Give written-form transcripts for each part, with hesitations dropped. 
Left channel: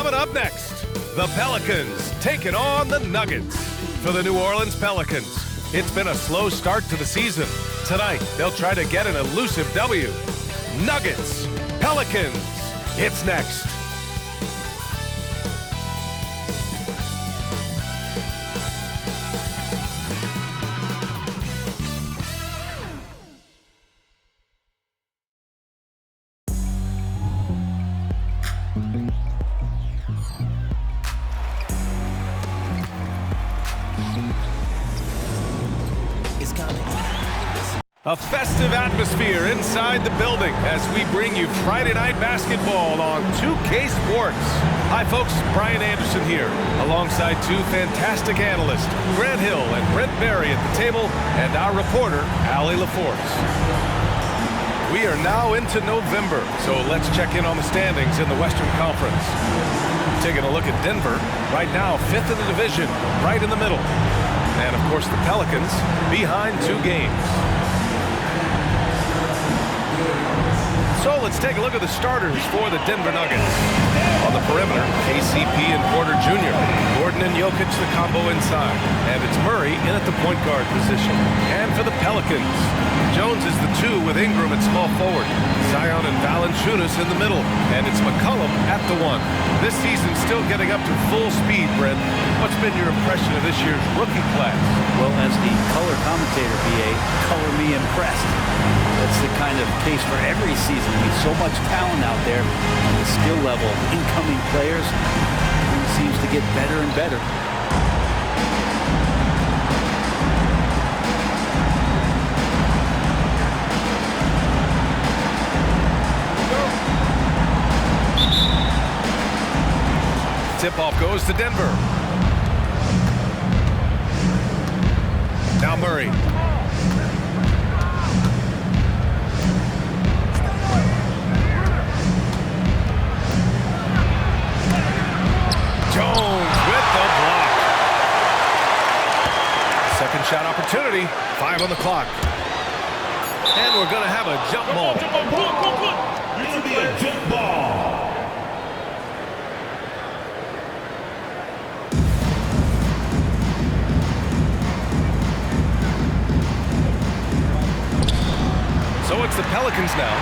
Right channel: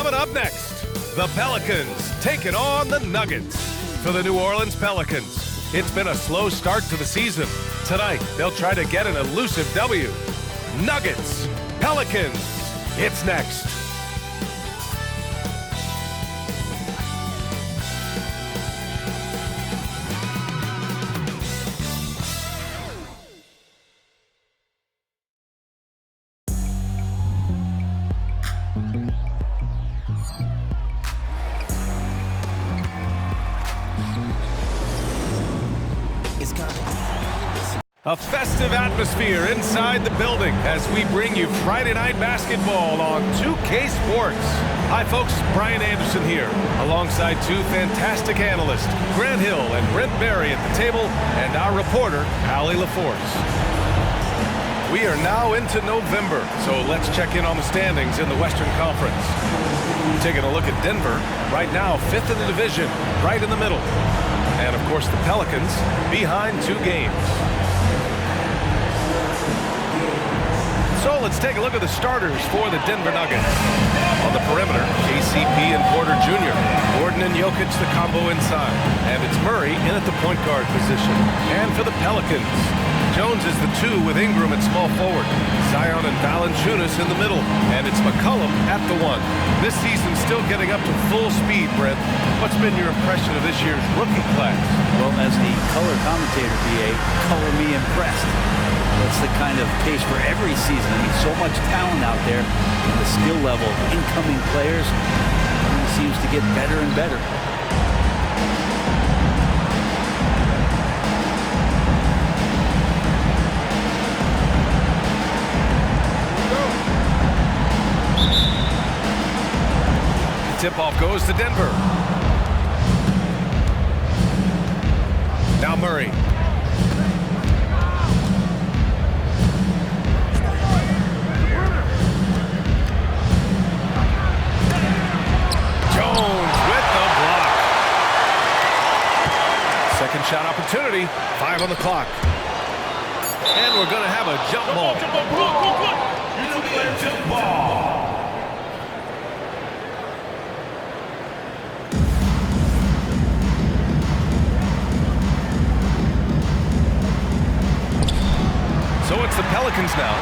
Coming up next, the Pelicans taking on the Nuggets. For the New Orleans Pelicans, it's been a slow start to the season. Tonight, they'll try to get an elusive W. Nuggets, Pelicans, it's next. A festive atmosphere inside the building as we bring you Friday Night Basketball on 2K Sports. Hi folks, Brian Anderson here, alongside two fantastic analysts, Grant Hill and Brent Berry at the table, and our reporter, Allie LaForce. We are now into November, so let's check in on the standings in the Western Conference. Taking a look at Denver, right now 5th in the division, right in the middle. And of course the Pelicans, behind 2 games. So let's take a look at the starters for the Denver Nuggets. On the perimeter, KCP and Porter Jr., Gordon and Jokic the combo inside, and it's Murray in at the point guard position. And for the Pelicans, Jones is the 2 with Ingram at small forward, Zion and Valanciunas in the middle, and it's McCollum at the 1. This season's still getting up to full speed, Brent. What's been your impression of this year's rookie class? Well, as the color commentator, BA, color me impressed. That's the kind of case for every season. I mean, so much talent out there, and the skill level of incoming players really seems to get better and better. Tip-off goes to Denver. Now Murray. Jones with the block. Second shot opportunity, 5 on the clock. And we're going to have a jump ball. It'll be a jump ball. So it's the Pelicans now.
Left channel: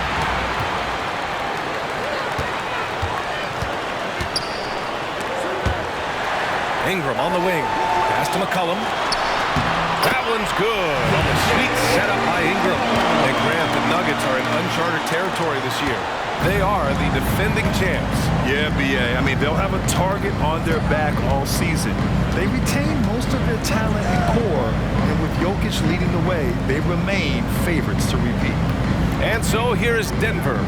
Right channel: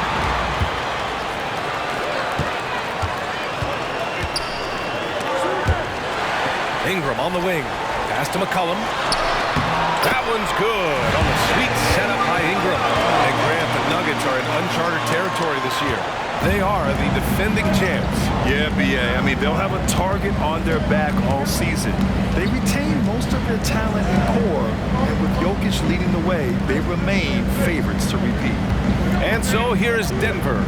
Ingram on the wing. Pass to McCollum. That one's good on the sweet setup by Ingram. And Grant, the Nuggets are in uncharted territory this year. They are the defending champs. Yeah, BA. I mean, they'll have a target on their back all season. They retain most of their talent and core, and with Jokic leading the way, they remain favorites to repeat. And so here is Denver.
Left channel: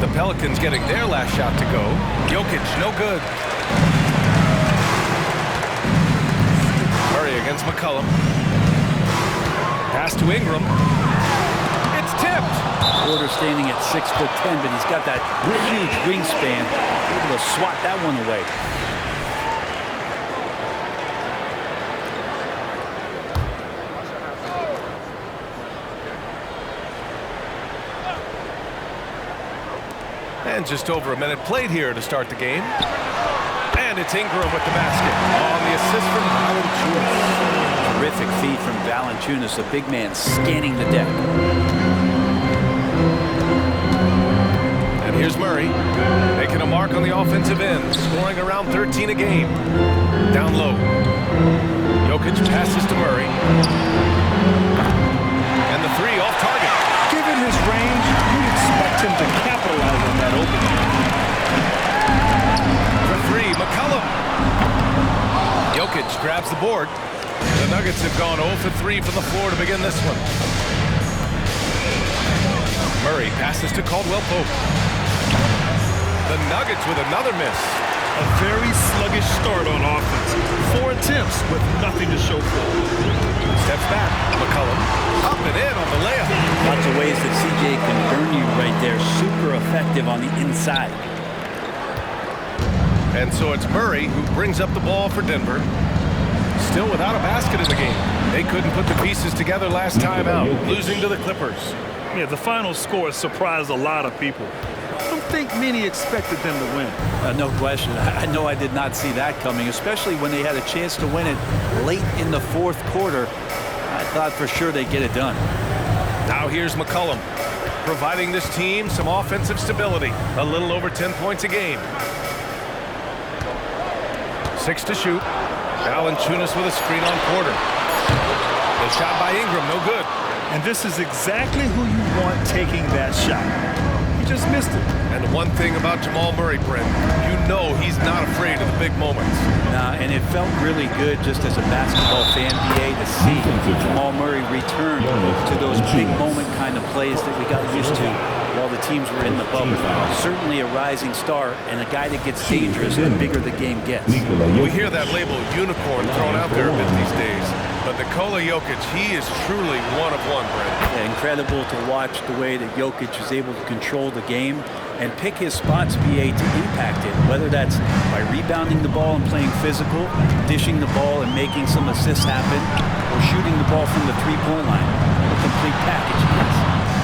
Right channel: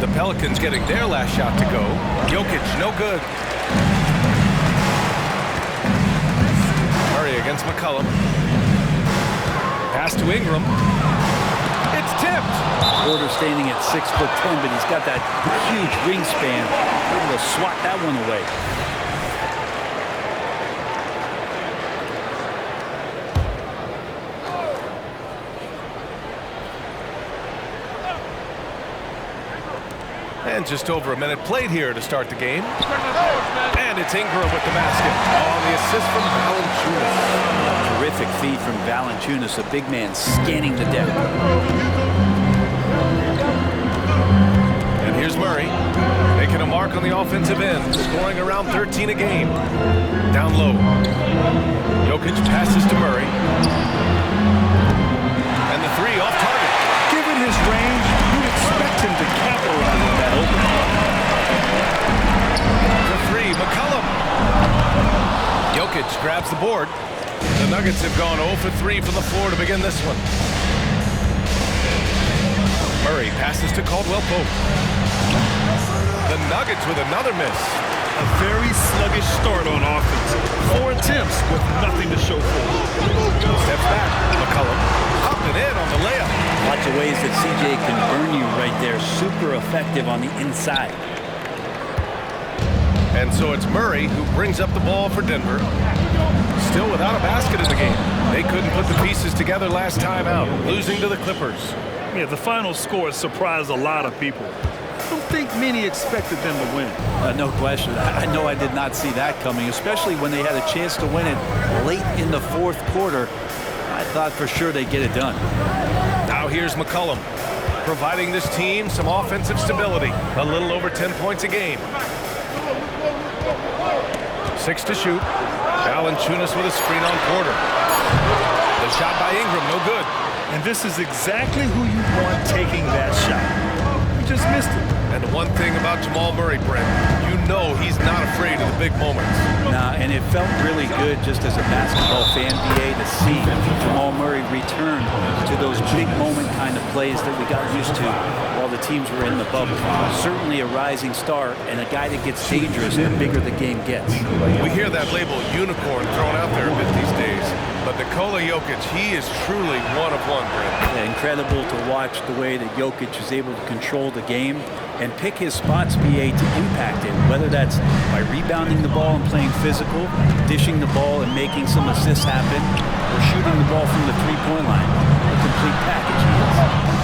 The Pelicans getting their last shot to go. Jokic, no good. Murray against McCollum. Pass to Ingram. It's tipped. Porter standing at 6'10", but he's got that huge wingspan, able to swat that one away. And just over a minute played here to start the game. And it's Ingram with the basket on the assist from Valanciunas. Terrific feed from Valanciunas, a big man scanning the deck. And here's Murray making a mark on the offensive end, scoring around 13 a game. Down low. Jokic passes to Murray. And the 3 off target. Given his range, you'd expect him to capitalize on that opening. For 3, McCollum. Jokic grabs the board. The Nuggets have gone 0 for 3 from the floor to begin this one. Murray passes to Caldwell Pope. The Nuggets with another miss. A very sluggish start on offense. 4 attempts with nothing to show for it. Steps back. McCollum up and in on the layup. Lots of ways that CJ can burn you right there. Super effective on the inside. And so it's Murray who brings up the ball for Denver. Still without a basket in the game. They couldn't put the pieces together last time out, losing to the Clippers. Yeah, the final score surprised a lot of people. don't think many expected them to win. No question. I know I did not see that coming, especially when they had a chance to win it late in the fourth quarter. I thought for sure they'd get it done. Now here's McCollum, providing this team some offensive stability. A little over 10 points a game. 6 to shoot. Valanciunas with a screen on Porter. The shot by Ingram, no good. And this is exactly who you want taking that shot. He just missed it. And the one thing about Jamal Murray, Brent, you know he's not afraid of the big moments. Nah, and it felt really good just as a basketball fan, BA, to see Jamal Murray return to those big moment kind of plays that we got used to while the teams were in the bubble. Certainly a rising star and a guy that gets dangerous the bigger the game gets. We hear that label unicorn thrown out there a bit these days, but Nikola Jokic, he is truly one of one, Brent. Yeah, incredible to watch the way that Jokic is able to control the game and pick his spots, BA, to impact it, whether that's by rebounding the ball and playing physical, dishing the ball and making some assists happen, or shooting the ball from the three-point line. What a complete package he is.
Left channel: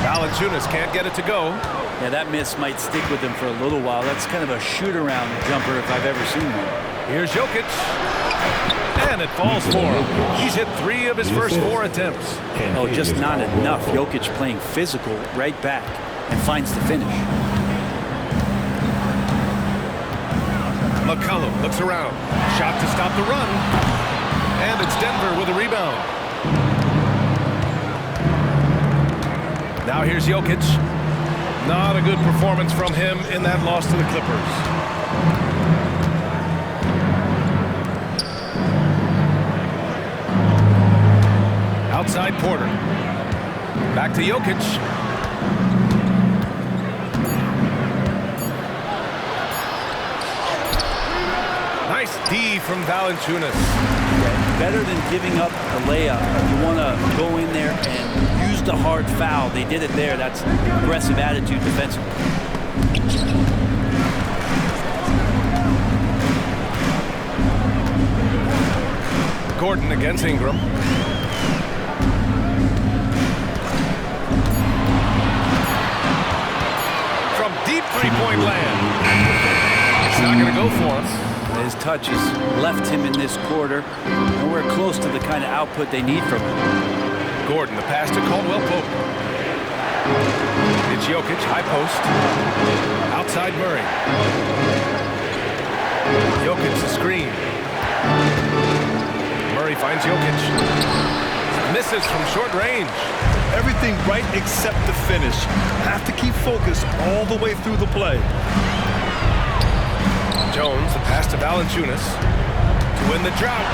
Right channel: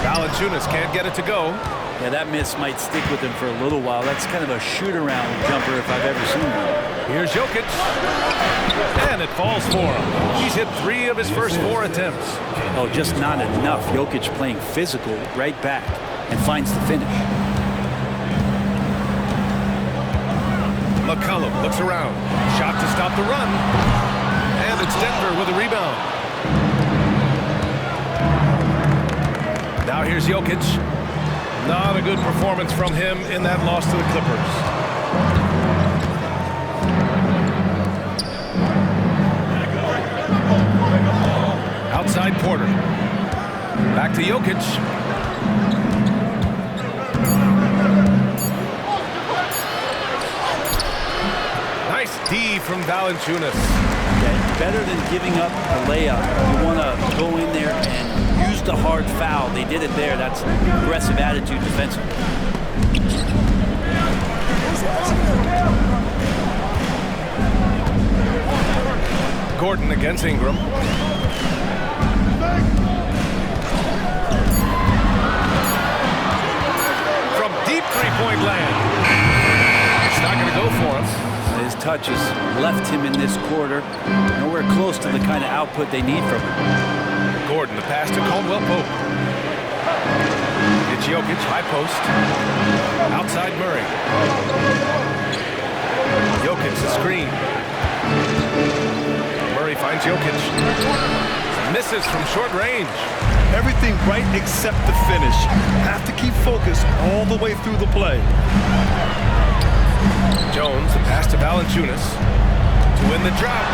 Valanciunas can't get it to go. Yeah, that miss might stick with him for a little while. That's kind of a shoot-around jumper if I've ever seen one. Here's Jokic. And it falls for him. He's hit 3 of his first 4 attempts. Oh, just not enough. Jokic playing physical right back and finds the finish. McCollum looks around. Shot to stop the run. And it's Denver with a rebound. Now here's Jokic. Not a good performance from him in that loss to the Clippers. Outside Porter. Back to Jokic. Nice D from Valanciunas. Yeah, better than giving up the layup. You want to go in there and use the hard foul. They did it there. That's aggressive attitude defensively. Gordon against Ingram. From deep three-point land. It's not going to go for him. His touch has left him in this quarter. Nowhere close to the kind of output they need from him. Gordon, the pass to Caldwell Pope. It's Jokic, high post. Outside Murray. Jokic, the screen. Murray finds Jokic. Misses from short range. Everything right except the finish. Have to keep focused all the way through the play. Jones, the pass to Valanciunas to win the drought.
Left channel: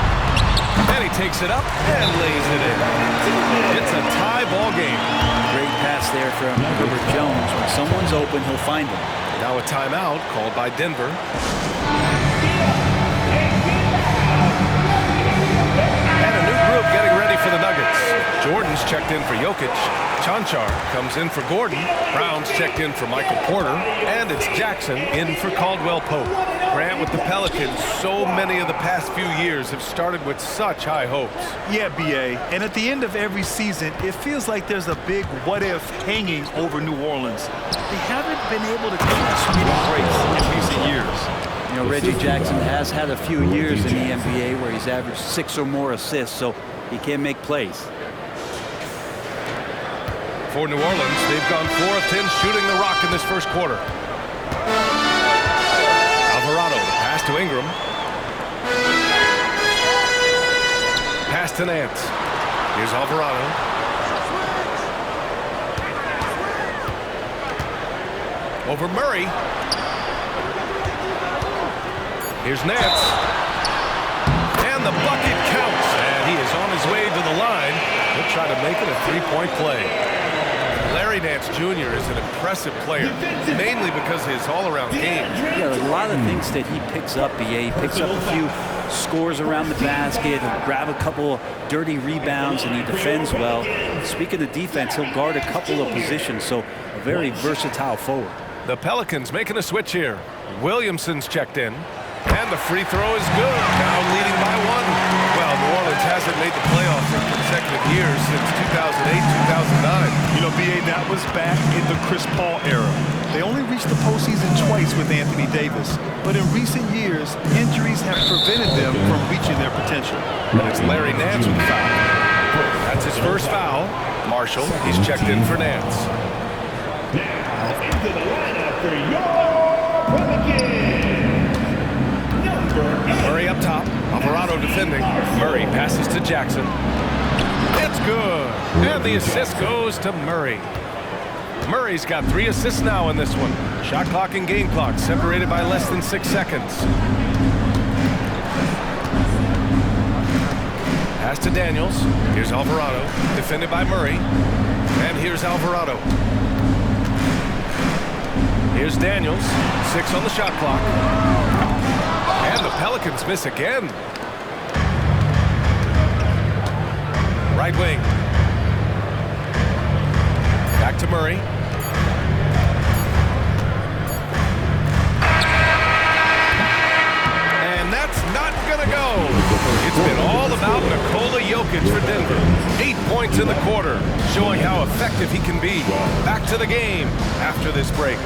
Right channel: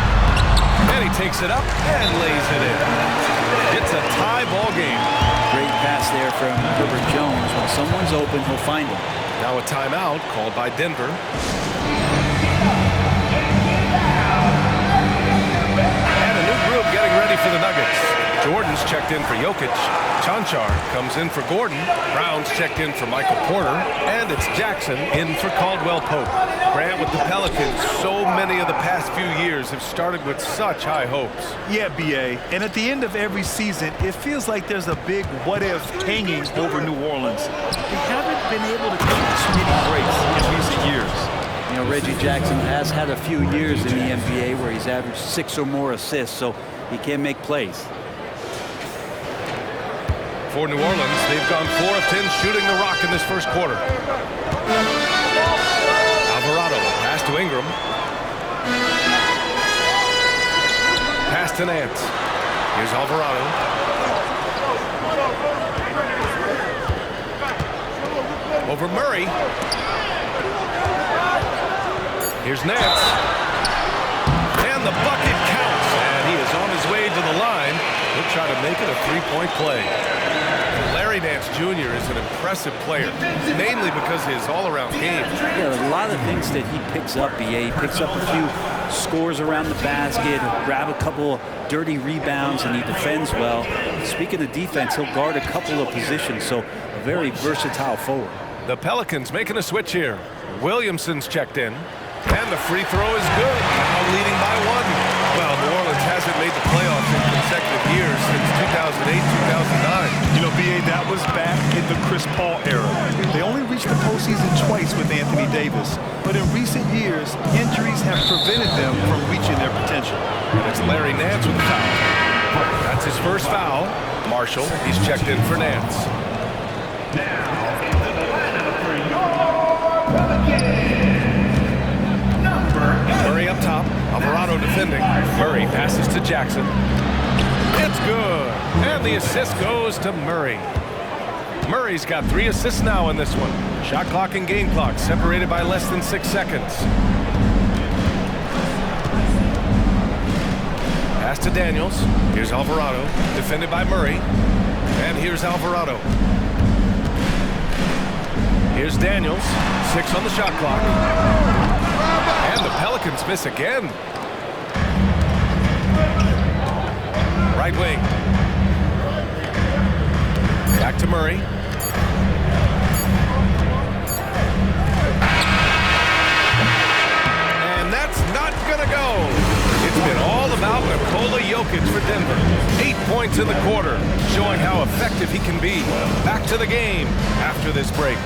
And he takes it up and lays it in. It's a tie ball game. Great pass there from Herbert Jones. When someone's open, he'll find them. Now a timeout called by Denver. And a new group getting ready for the Nuggets. Jordan's checked in for Jokic. Chanchar comes in for Gordon. Brown's checked in for Michael Porter. And it's Jackson in for Caldwell Pope. Grant, with the Pelicans, so many of the past few years have started with such high hopes. Yeah, BA. And at the end of every season, it feels like there's a big what-if hanging over New Orleans. They haven't been able to catch many breaks in recent years. You know, Reggie Jackson has had a few years in the NBA where he's averaged 6 or more assists, so he can make plays. For New Orleans, they've gone 4 of 10 shooting the rock in this first quarter. Alvarado, pass to Ingram. Pass to Nance. Here's Alvarado. Over Murray. Here's Nance. And the bucket counts. And he is on his way to the line. He'll try to make it a three-point play. Larry Nance Jr. is an impressive player, mainly because of his all-around game. Yeah, a lot of things that he picks up, BA. He picks up a few scores around the basket, he'll grab a couple dirty rebounds, and he defends well. Speaking of defense, he'll guard a couple of positions, so a very versatile forward. The Pelicans making a switch here. Williamson's checked in, and the free throw is good, now leading by 1. Well, New Orleans hasn't made the playoffs in consecutive years since 2008, 2009. You know, B.A., that was back in the Chris Paul era. They only reached the postseason twice with Anthony Davis, but in recent years, injuries have prevented them from reaching their potential. And it's Larry Nance with the foul. That's his first foul. Marshall, he's checked in for Nance. Now into the lineup for your Pelicans, number 8. Murray up top. Alvarado defending. Murray passes to Jackson. It's good. And the assist goes to Murray. Murray's got 3 assists now in this one. Shot clock and game clock separated by less than 6 seconds. Pass to Daniels. Here's Alvarado, defended by Murray. And here's Alvarado. Here's Daniels, 6 on the shot clock. And the Pelicans miss again. Right wing. Back to Murray. And that's not gonna go. It's been all about Nikola Jokic for Denver. 8 points in the quarter, showing how effective he can be. Back to the game after this break.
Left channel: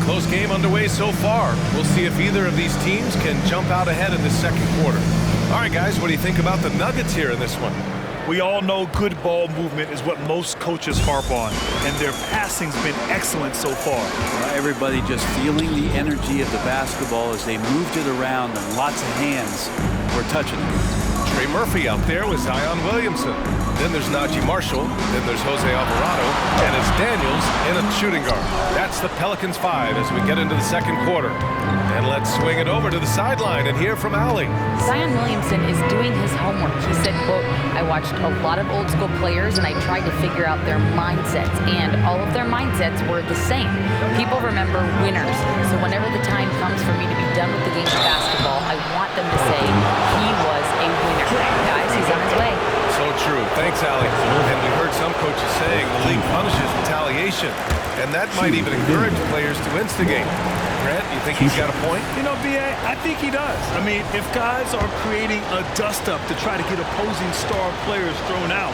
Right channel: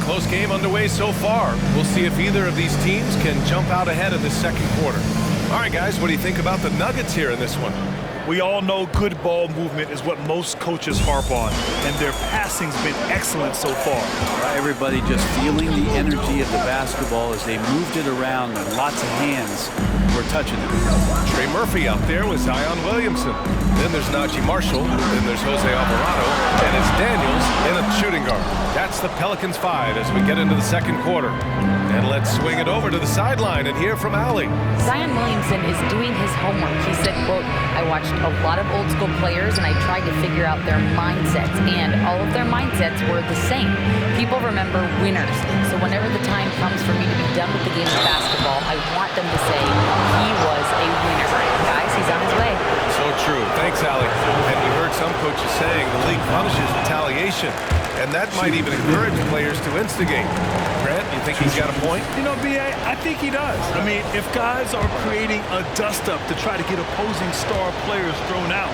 Close game underway so far. We'll see if either of these teams can jump out ahead in this second quarter. All right, guys, what do you think about the Nuggets here in this one? We all know good ball movement is what most coaches harp on, and their passing's been excellent so far. Everybody just feeling the energy of the basketball as they moved it around, and lots of hands were touching it. Trey Murphy out there with Zion Williamson. Then there's Najee Marshall. Then there's Jose Alvarado. And it's Daniels in a shooting guard. That's the Pelicans 5 as we get into the second quarter. And let's swing it over to the sideline and hear from Allie. Zion Williamson is doing his homework. He said, quote, "I watched a lot of old school players and I tried to figure out their mindsets, and all of their mindsets were the same. People remember winners. So whenever the time comes for me to be done with the game of basketball, I want them to say he was a winner." Guys, he's on his way. So true. Thanks, Allie. And we heard some coaches saying the league punishes retaliation, and that might even encourage players to instigate. Grant, you think he's got a point? You know, B.A., I think he does. I mean, if guys are creating a dust-up to try to get opposing star players thrown out,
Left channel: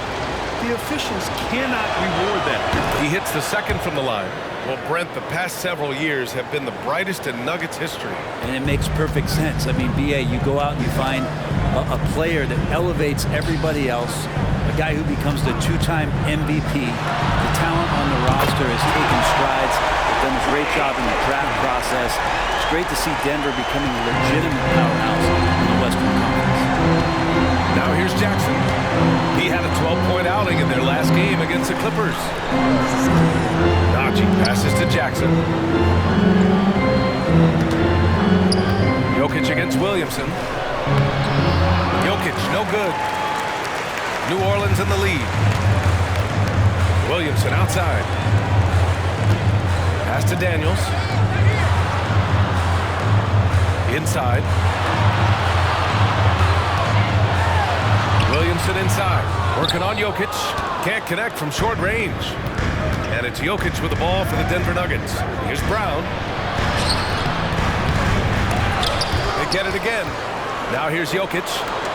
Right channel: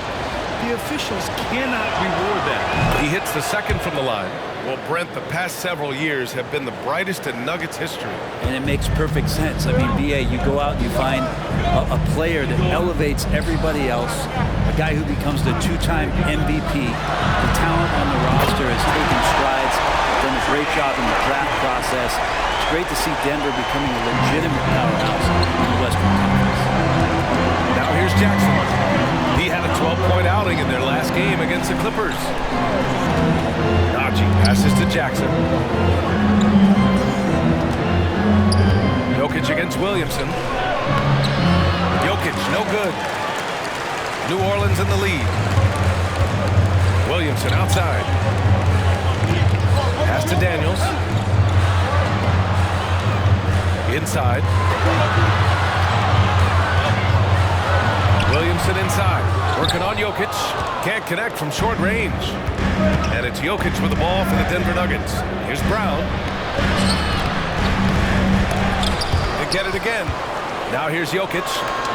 the officials cannot reward that. He hits the second from the line. Well, Brent, the past several years have been the brightest in Nuggets history. And it makes perfect sense. I mean, B.A., you go out and you find a player that elevates everybody else, a guy who becomes the 2-time MVP. The talent on the roster has taken strides. They've done a great job in the draft process. It's great to see Denver becoming a legitimate powerhouse in the Western Conference. Now here's Jackson. He had a 12-point outing in their last game against the Clippers. Najee passes to Jackson. Jokic against Williamson. Jokic, no good. New Orleans in the lead. Williamson outside. Pass to Daniels. Inside. Williamson inside. Working on Jokic. Can't connect from short range. And it's Jokic with the ball for the Denver Nuggets. Here's Brown. They get it again. Now here's Jokic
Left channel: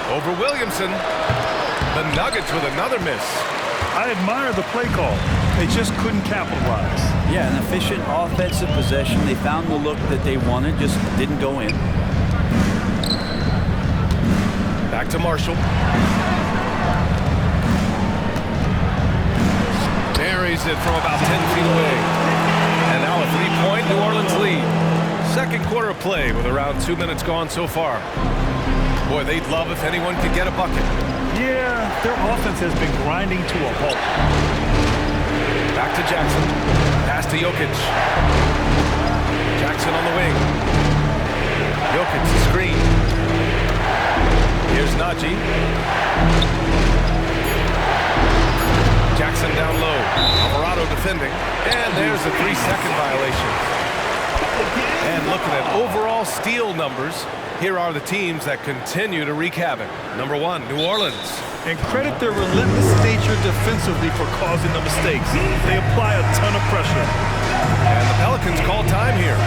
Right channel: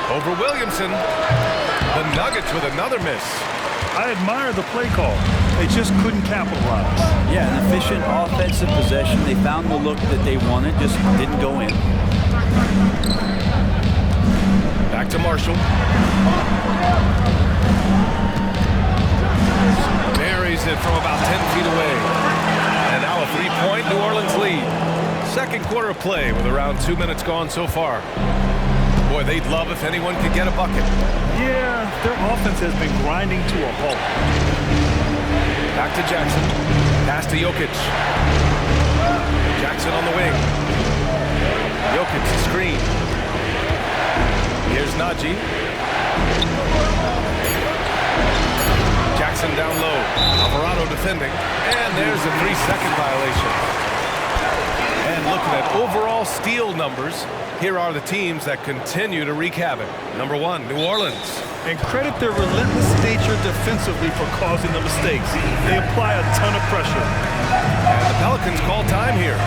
over Williamson. The Nuggets with another miss. I admire the play call. They just couldn't capitalize. Yeah, an efficient offensive possession. They found the look that they wanted, just didn't go in. Back to Marshall. Buries it from about 10 feet away. And now a 3-point New Orleans lead. Second quarter of play with around 2 minutes gone so far. Boy, they'd love if anyone could get a bucket. Yeah, their offense has been grinding to a halt. Back to Jackson. Pass to Jokic. Jackson on the wing. Jokic the screen. Here's Najee. Jackson down low. Alvarado defending. And there's a 3-second violation. And looking at overall steal numbers, here are the teams that continue to wreak havoc. Number 1, New Orleans. And credit their relentless nature defensively for causing the mistakes. They apply a ton of pressure. And the Pelicans call time here.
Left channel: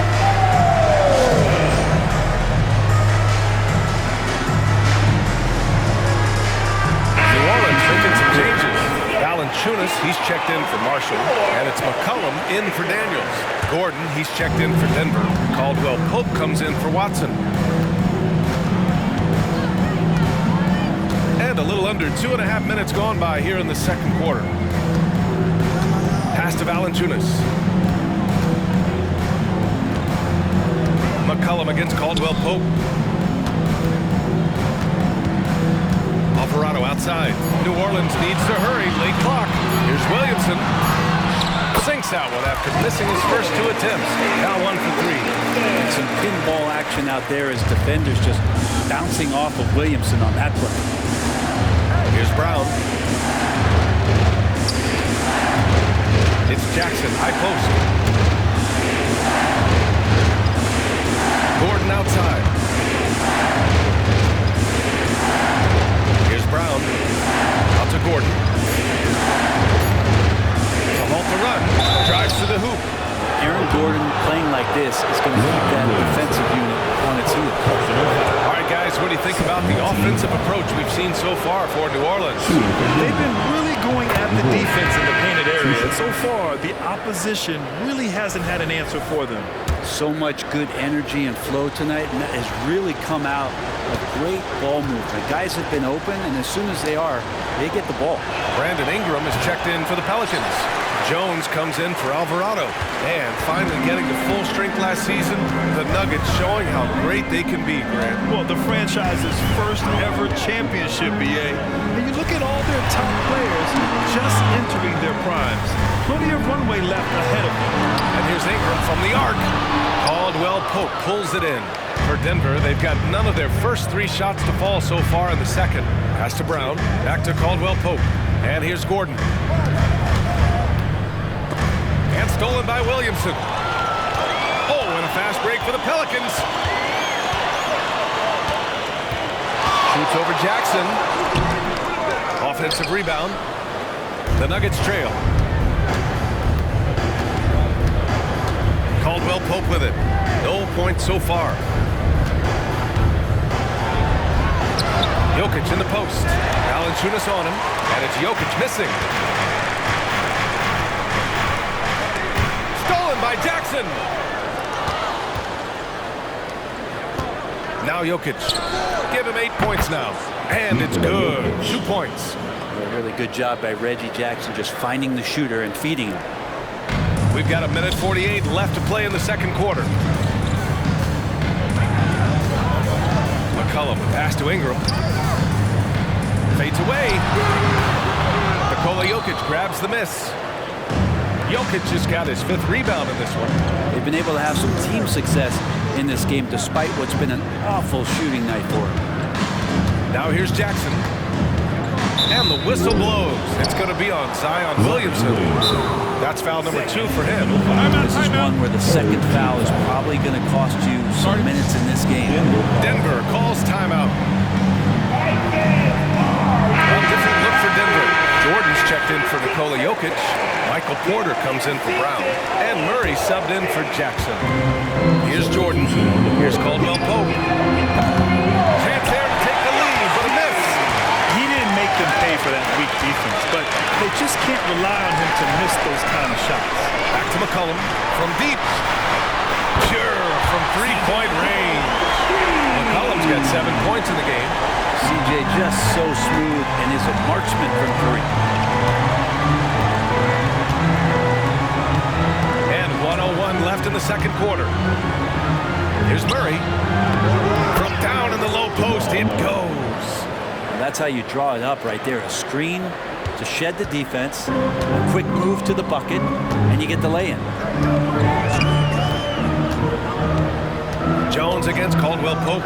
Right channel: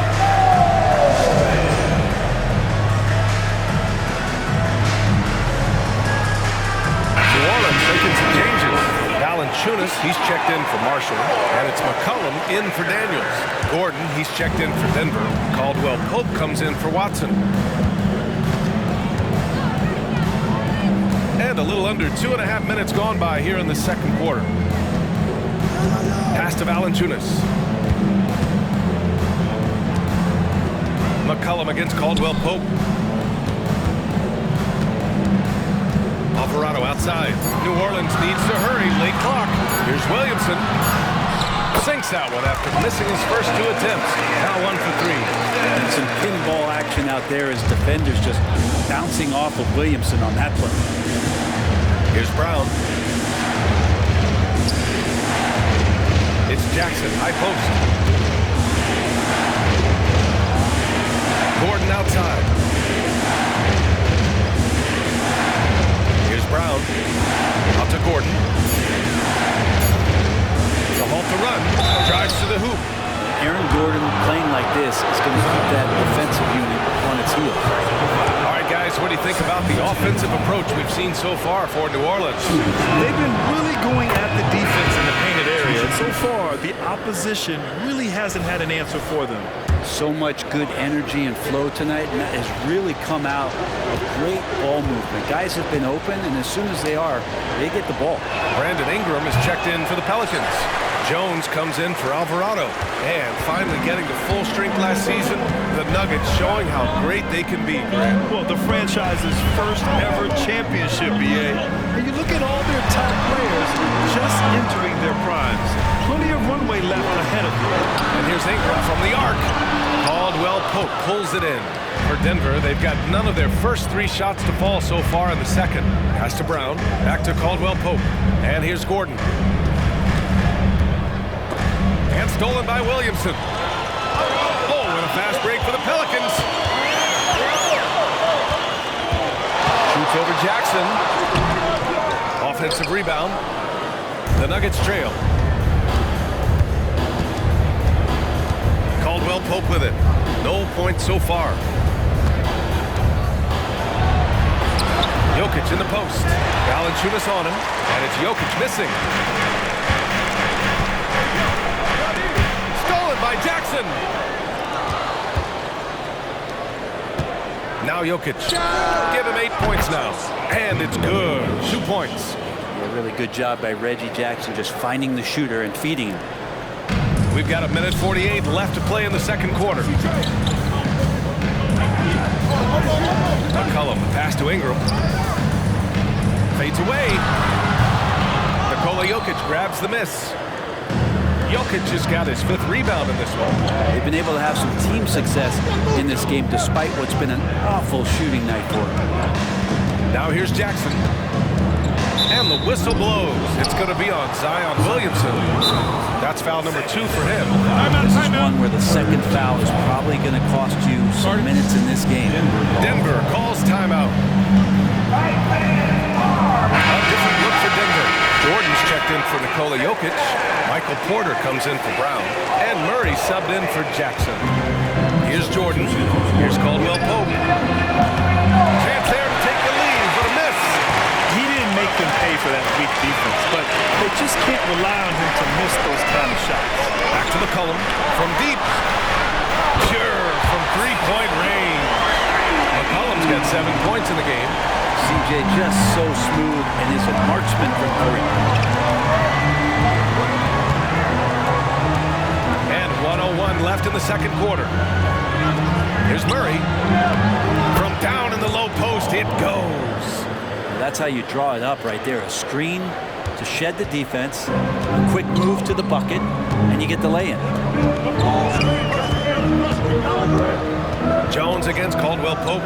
New Orleans making some changes. Valanciunas, he's checked in for Marshall. And it's McCollum in for Daniels. Gordon, he's checked in for Denver. Caldwell Pope comes in for Watson. And a little under 2.5 minutes gone by here in the second quarter. Pass to Valanciunas. McCollum against Caldwell Pope. Alvarado outside. New Orleans needs to hurry. Late clock. Here's Williamson. Sinks that one after missing his first 2 attempts. Now 1 for 3. And some pinball action out there as defenders just bouncing off of Williamson on that play. Here's Brown. It's Jackson, high post. Gordon outside. Here's Brown. Out to Gordon. To halt the run. Drives to the hoop. Aaron Gordon playing like this is going to keep that defensive unit on its heels. All right, guys, what do you think about the offensive approach we've seen so far for New Orleans? They've been really going at the defense in the painted area. And so far, the opposition really hasn't had an answer for them. So much good energy and flow tonight, and that has really come out of great ball movement. Guys have been open, and as soon as they are, they get the ball. Brandon Ingram is checked in for the Pelicans. Jones comes in for Alvarado. And finally getting to full strength last season, the Nuggets showing how great they can be, Grant. Well, the franchise's first ever championship, BA. And you look at all their top players just entering their primes. Plenty of runway left ahead of them. And here's Ingram from the arc. Caldwell Pope pulls it in. For Denver, they've got none of their first 3 shots to fall so far in the second. Pass to Brown, back to Caldwell Pope. And here's Gordon. And stolen by Williamson. Oh, and a fast break for the Pelicans. Shoots over Jackson. Offensive rebound. The Nuggets trail. Caldwell Pope with it. No points so far. Jokic in the post. Valanciunas on him. And it's Jokic missing. Stolen by Jackson. Now Jokic. Give him 8 points now. And it's good. 2 points. Yeah, really good job by Reggie Jackson just finding the shooter and feeding him. We've got 1:48 left to play in the second quarter. McCollum, the pass to Ingram. Fades away. Nikola Jokic grabs the miss. Jokic just got his 5th rebound in this one. They've been able to have some team success in this game despite what's been an awful shooting night for them. Now here's Jackson. And the whistle blows. It's going to be on Zion Williamson. That's foul number 2 for him. This is one where the second foul is probably going to cost you some minutes in this game. Denver calls timeout. A different look for Denver. Jordan's checked in for Nikola Jokic. Michael Porter comes in for Brown. And Murray subbed in for Jackson. Here's Jordan. Here's Caldwell Pope. Chance there to take the lead, but a miss. He didn't make them pay for that weak defense, but they just can't rely on him to miss those kind of shots. Back to McCollum from deep. Sure, from 3-point range. McCollum's got 7 points in the game. CJ just so smooth and is a marksman from 3. And 1:01 left in the second quarter. Here's Murray. From down in the low post, it goes. That's how you draw it up right there. A screen to shed the defense, a quick move to the bucket, and you get the lay-in. Jones against Caldwell Pope.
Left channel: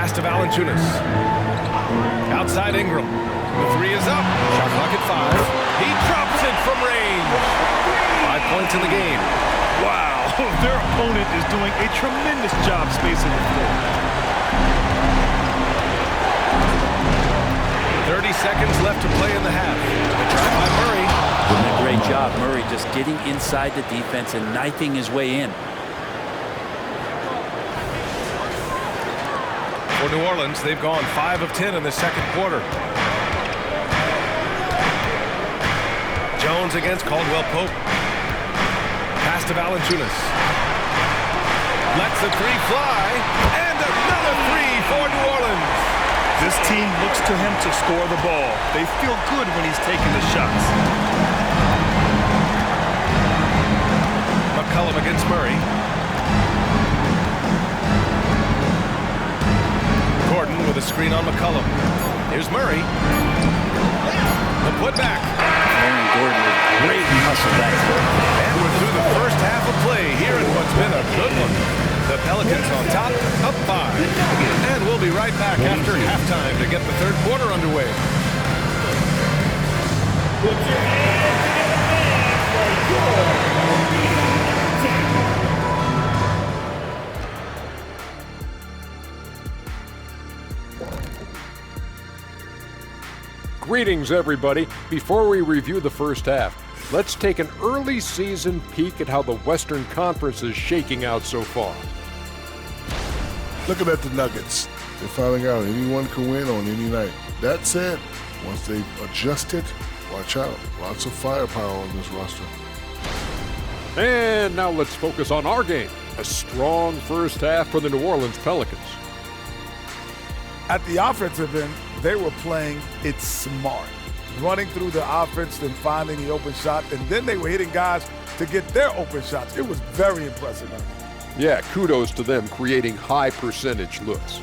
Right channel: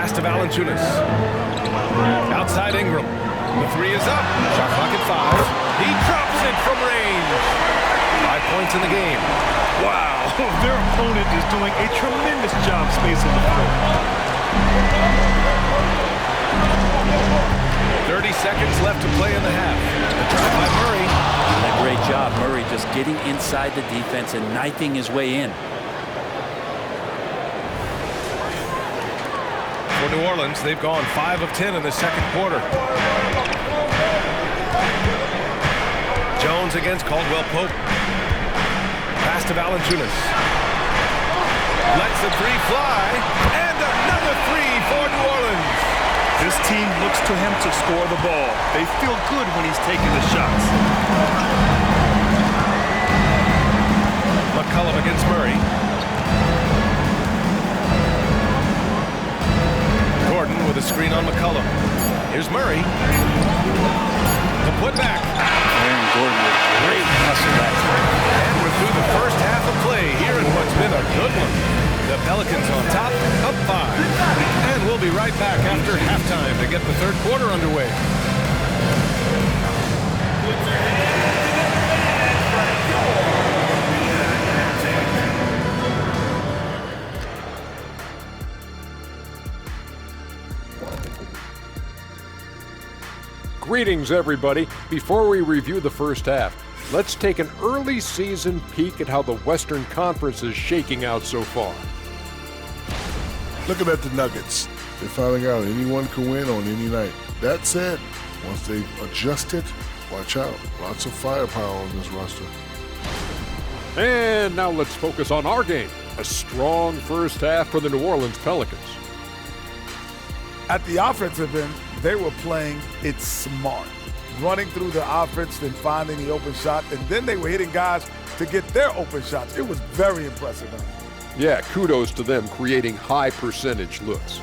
Pass to Valanciunas. Outside Ingram. The three is up. Shot clock at 5. He drops it from range. 5 points in the game. Wow, their opponent is doing a tremendous job spacing the floor. 30 seconds left to play in the half. The drive by Murray. Doing a great job. Murray just getting inside the defense and knifing his way in. For New Orleans, they've gone 5 of 10 in the second quarter. Jones against Caldwell Pope. Pass to Valanciunas. Lets the three fly. And another three for New Orleans. This team looks to him to score the ball. They feel good when he's taking the shots. McCollum against Murray. Gordon with a screen on McCollum. Here's Murray. The putback. Aaron Gordon with great hustle that time. And we're through the first half of play here in what's been a good one. The Pelicans on top, up 5. And we'll be right back after halftime to get the third quarter underway. Put your hands Greetings, everybody. Before we review the first half, let's take an early season peek at how the Western Conference is shaking out so far. Looking at the Nuggets, they're finding out anyone can win on any night. That said, once they've adjusted, watch out. Lots of firepower on this roster. And now let's focus on our game. A strong first half for the New Orleans Pelicans. At the offensive end, they were playing it smart. Running through the offense, then finding the open shot, and then they were hitting guys to get their open shots. It was very impressive. Yeah, kudos to them creating high percentage looks.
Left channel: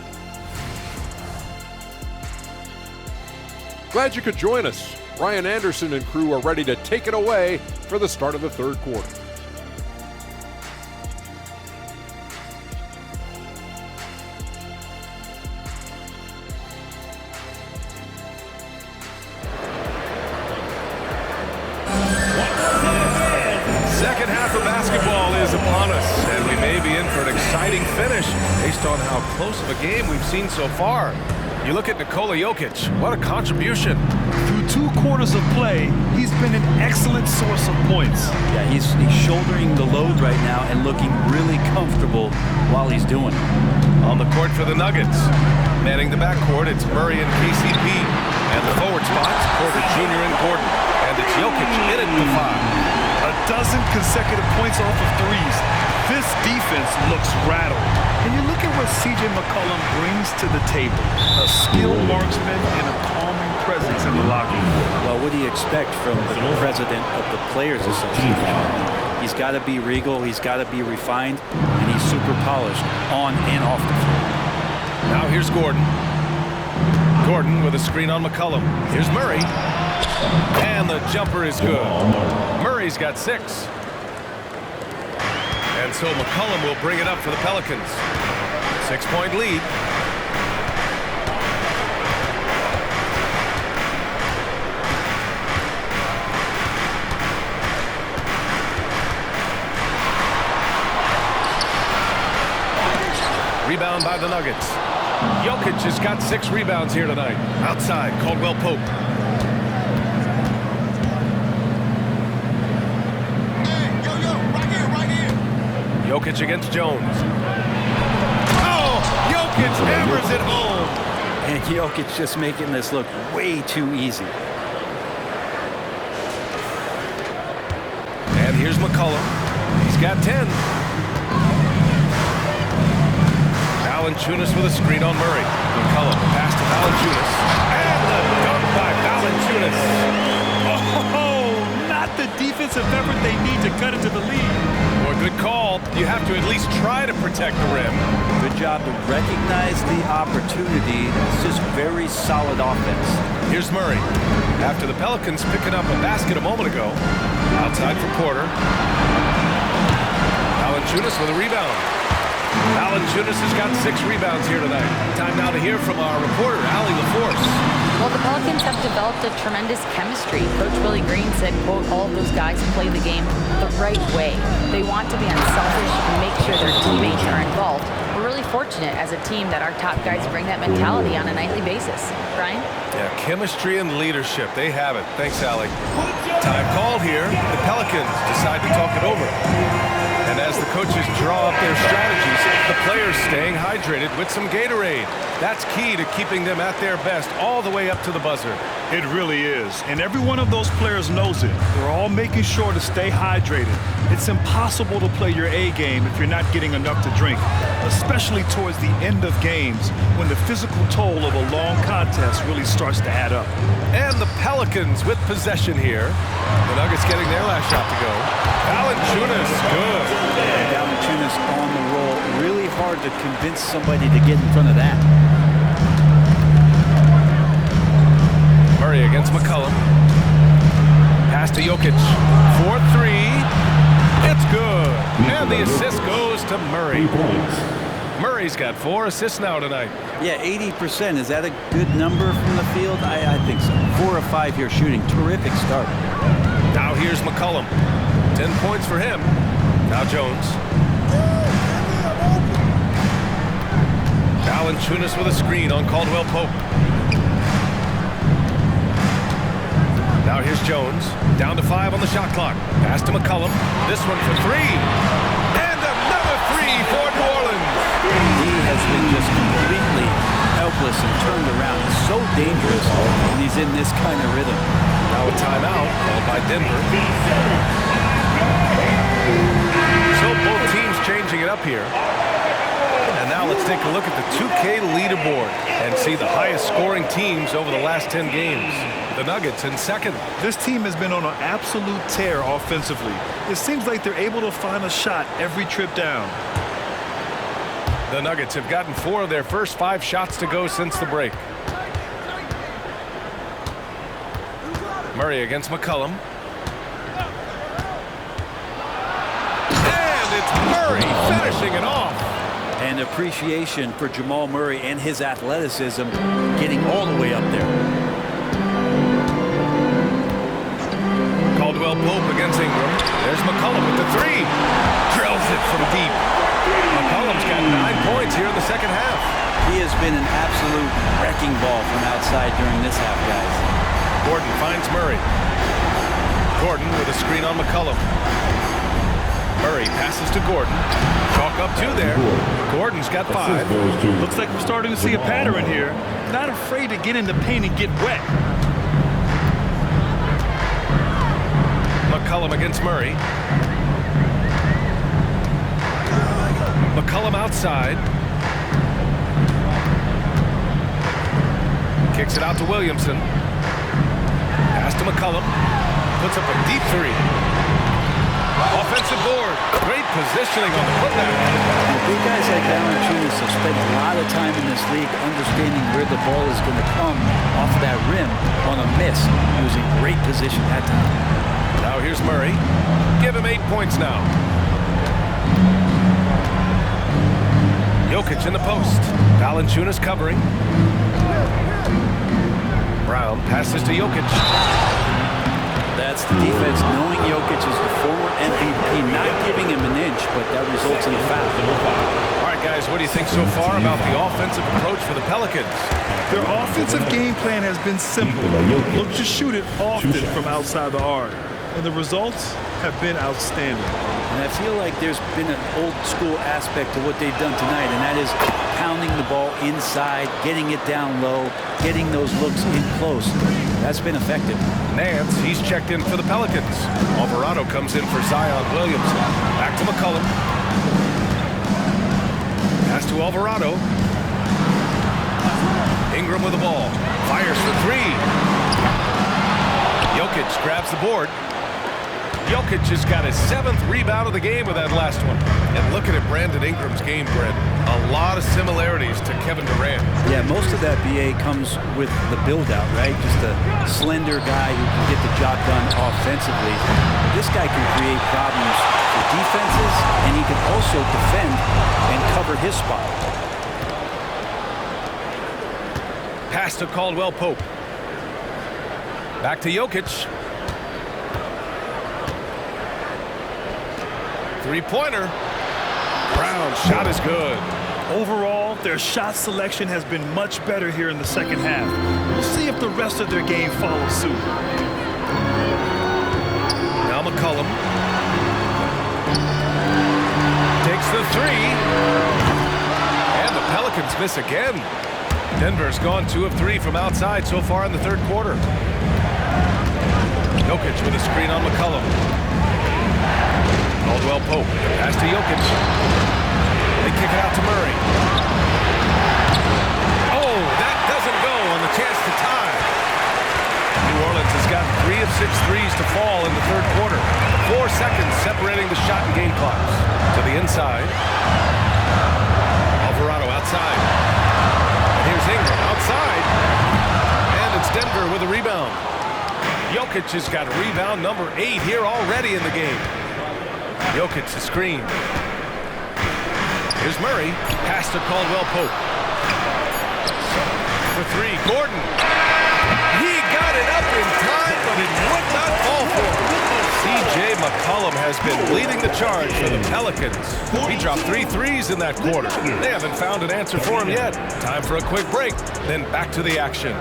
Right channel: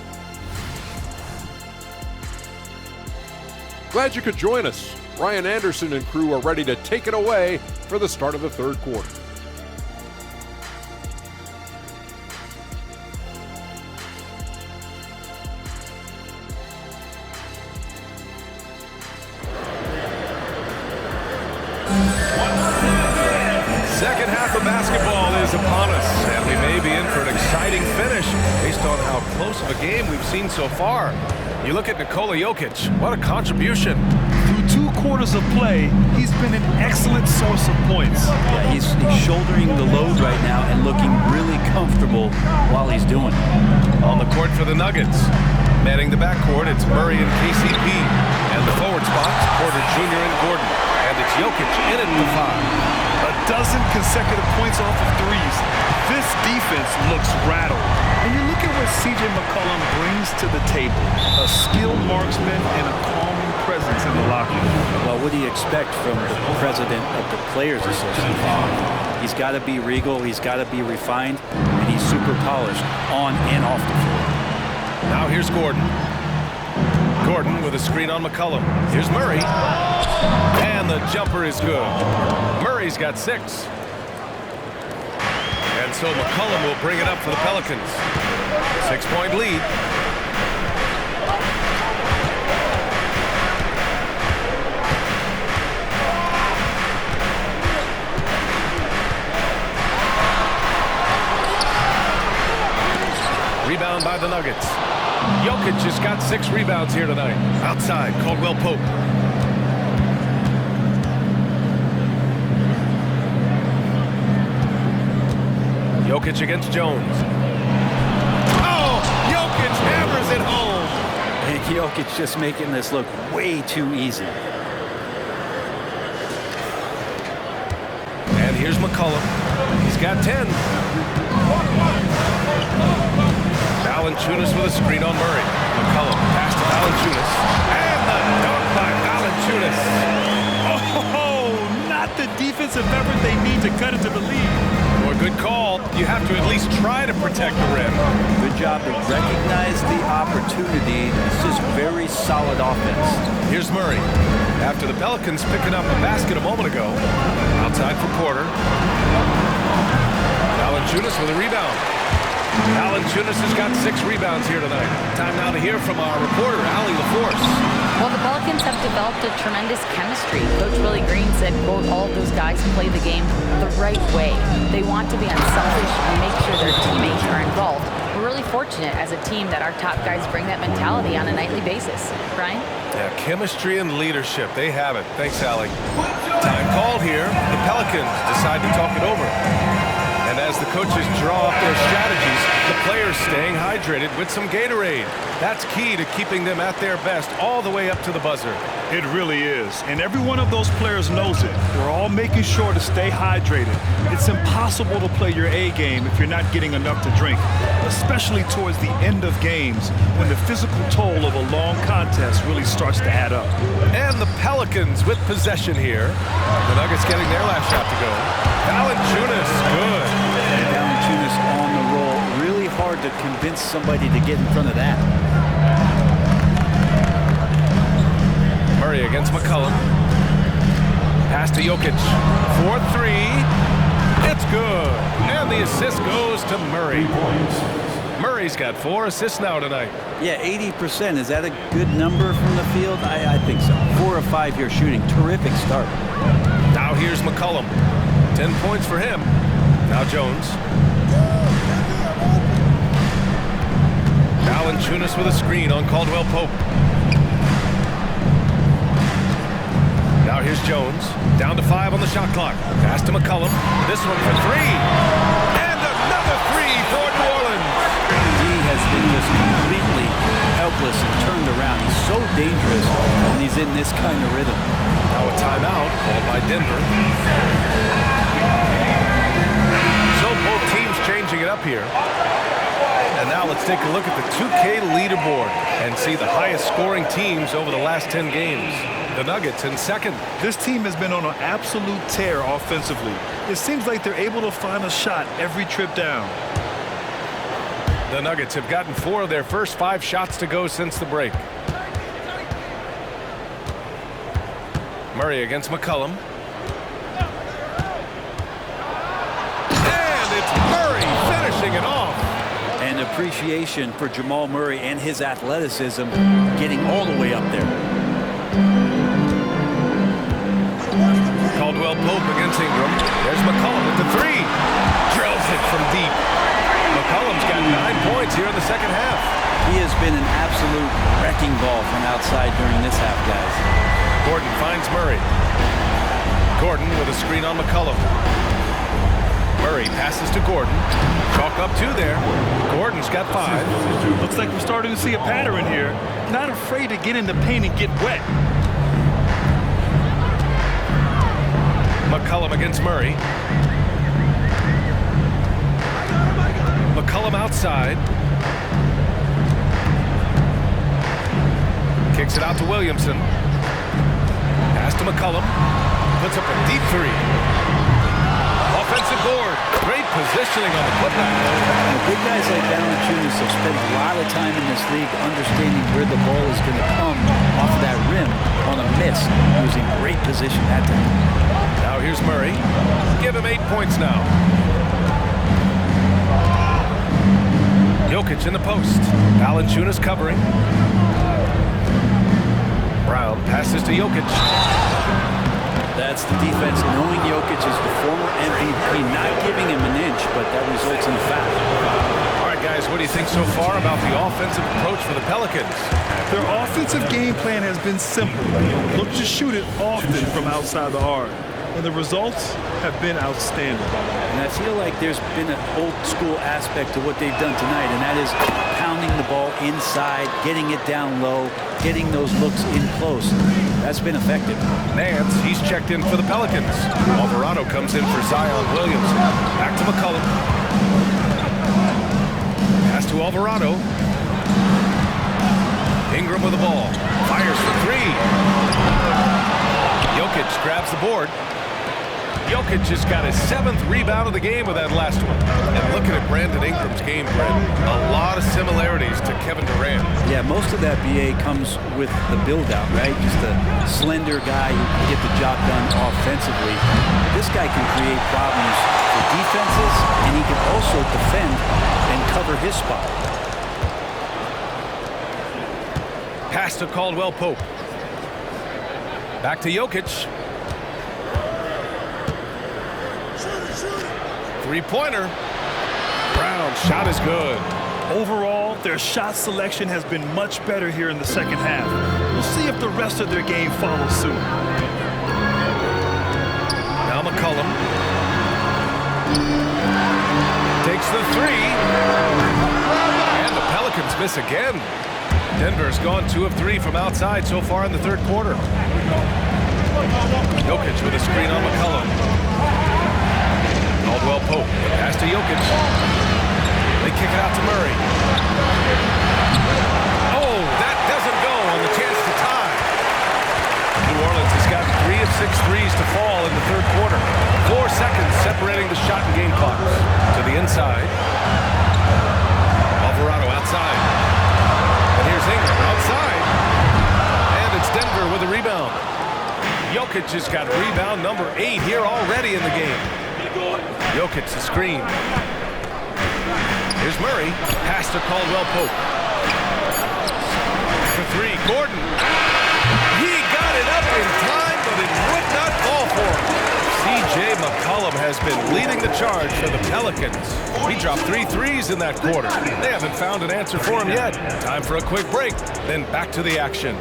Glad you could join us. Ryan Anderson and crew are ready to take it away for the start of the third quarter. Second half of basketball is upon us, and we may be in for an exciting finish based on how close of a game we've seen so far. You look at Nikola Jokic, what a contribution. Through 2 quarters of play, he's been an excellent source of points. Yeah, he's shouldering the load right now and looking really comfortable while he's doing it. On the court for the Nuggets. Manning the backcourt, it's Murray and KCP. And the forward spots, Porter Jr. and Gordon. And it's Jokic in at the 5. A dozen consecutive points off of threes. This defense looks rattled. And you look at what C.J. McCollum brings to the table. A skilled marksman and a calming presence in the locker room. Well, what do you expect from the president of the Players Association? He's got to be regal, he's got to be refined, and he's super polished on and off the floor. Now here's Gordon. Gordon with a screen on McCollum. Here's Murray. And the jumper is good. Murray's got 6. And so McCollum will bring it up for the Pelicans. 6-point lead. Rebound by the Nuggets. Jokic has got 6 rebounds here tonight. Outside, Caldwell Pope. Jokic against Jones. Oh, Jokic hammers it home. And Jokic just making this look way too easy. And here's McCollum. He's got 10. Valanciunas with a screen on Murray. McCollum pass to Valanciunas. And the dunk by Valanciunas. Oh, not the defensive effort they need to cut into the lead. Boy, good call. You have to at least try to protect the rim. Good job to recognize the opportunity. It's just very solid offense. Here's Murray. After the Pelicans picking up a basket a moment ago. Outside for Porter. Valanciunas with a rebound. Valanciunas has got 6 rebounds here tonight. Time now to hear from our reporter, Allie LaForce. Well, the Pelicans have developed a tremendous chemistry. Coach Willie Green said, quote, all of those guys play the game the right way. They want to be unselfish and make sure their teammates are involved. We're really fortunate as a team that our top guys bring that mentality on a nightly basis. Brian? Yeah, chemistry and leadership. They have it. Thanks, Allie. Time called here. The Pelicans decide to talk it over. And as the coaches draw up their strategies, the players staying hydrated with some Gatorade. That's key to keeping them at their best all the way up to the buzzer. It really is. And every one of those players knows it. They're all making sure to stay hydrated. It's impossible to play your A game if you're not getting enough to drink, especially towards the end of games when the physical toll of a long contest really starts to add up. And the Pelicans with possession here. The Nuggets getting their last shot to go. Valanciunas, good. And Valanciunas on the roll. Really hard to convince somebody to get in front of that. Murray against McCollum. Pass to Jokic. 4-3. It's good. And the assist goes to Murray. Murray's got 4 assists now tonight. Yeah, 80%. Is that a good number from the field? I think so. 4 of 5 here shooting. Terrific start. Now here's McCollum. 10 points for him. Now Jones. Valanciunas with a screen on Caldwell Pope. Now here's Jones. Down to 5 on the shot clock. Pass to McCollum. This one for 3. And another 3 for New Orleans. He has been just completely helpless and turned around. He's so dangerous when he's in this kind of rhythm. Now a timeout called by Denver. So both teams changing it up here. And now let's take a look at the 2K leaderboard and see the highest scoring teams over the last 10 games. The Nuggets in second. This team has been on an absolute tear offensively. It seems like they're able to find a shot every trip down. The Nuggets have gotten 4 of their first 5 shots to go since the break. Murray against McCollum. And it's Murray finishing it off. And appreciation for Jamal Murray and his athleticism getting all the way up there. Caldwell Pope against Ingram. There's McCollum with the 3. Drills it from deep. McCollum's got 9 points here in the second half. He has been an absolute wrecking ball from outside during this half, guys. Gordon finds Murray. Gordon with a screen on McCollum. Murray passes to Gordon. Chalk up 2 there. Gordon's got 5. Looks like we're starting to see a pattern here. Not afraid to get in the paint and get wet. McCollum against Murray. McCollum outside. Kicks it out to Williamson. Pass to McCollum. Puts up a deep 3. Offensive board. Great positioning on the putback. Well, big guys like Valanciunas have spent a lot of time in this league understanding where the ball is going to come off of that rim on a miss. He was in great position that time. Now here's Murray. Give him 8 points now. Jokic in the post. Valanciunas covering. Brown passes to Jokic. That's the defense knowing Jokic is the former MVP, not giving him an inch, but that results in a foul. All right, guys, what do you think so far about the offensive approach for the Pelicans? Their offensive game plan has been simple. Look to shoot it often from outside the arc. And the results have been outstanding. And I feel like there's been an old school aspect to what they've done tonight, and that is pounding the ball inside, getting it down low, getting those looks in close. That's been effective. Nance, he's checked in for the Pelicans. Alvarado comes in for Zion Williamson. Back to McCollum. Pass to Alvarado. Ingram with the ball. Fires for 3. Jokic grabs the board. Jokic just got his 7th rebound of the game with that last one. And looking at Brandon Ingram's game, Brent, a lot of similarities to Kevin Durant. Yeah, most of that, BA, comes with the build-out, right? Just a slender guy who can get the job done offensively. But this guy can create problems for defenses, and he can also defend and cover his spot. Pass to Caldwell Pope. Back to Jokic. Three-pointer. Brown's shot is good. Overall, their shot selection has been much better here in the second half. We'll see if the rest of their game follows suit. Now McCollum takes the three. And the Pelicans miss again. Denver's gone 2 of 3 from outside so far in the third quarter. Jokic with a screen on McCollum. Caldwell Pope, the pass to Jokic. They kick it out to Murray. Oh, that doesn't go on the chance to tie. New Orleans has gotten 3 of 6 threes to fall in the third quarter. 4 seconds separating the shot and game clocks. To the inside. Alvarado outside. And here's Ingram outside. And it's Denver with a rebound. Jokic has got rebound number 8 here already in the game. Jokic the screen. Here's Murray. Pass to Caldwell Pope. For 3, Gordon. He got it up in time, but it would not fall for him. C.J. McCollum has been leading the charge for the Pelicans. He dropped 3 threes in that quarter. They haven't found an answer for him yet. Time for a quick break, then back to the action.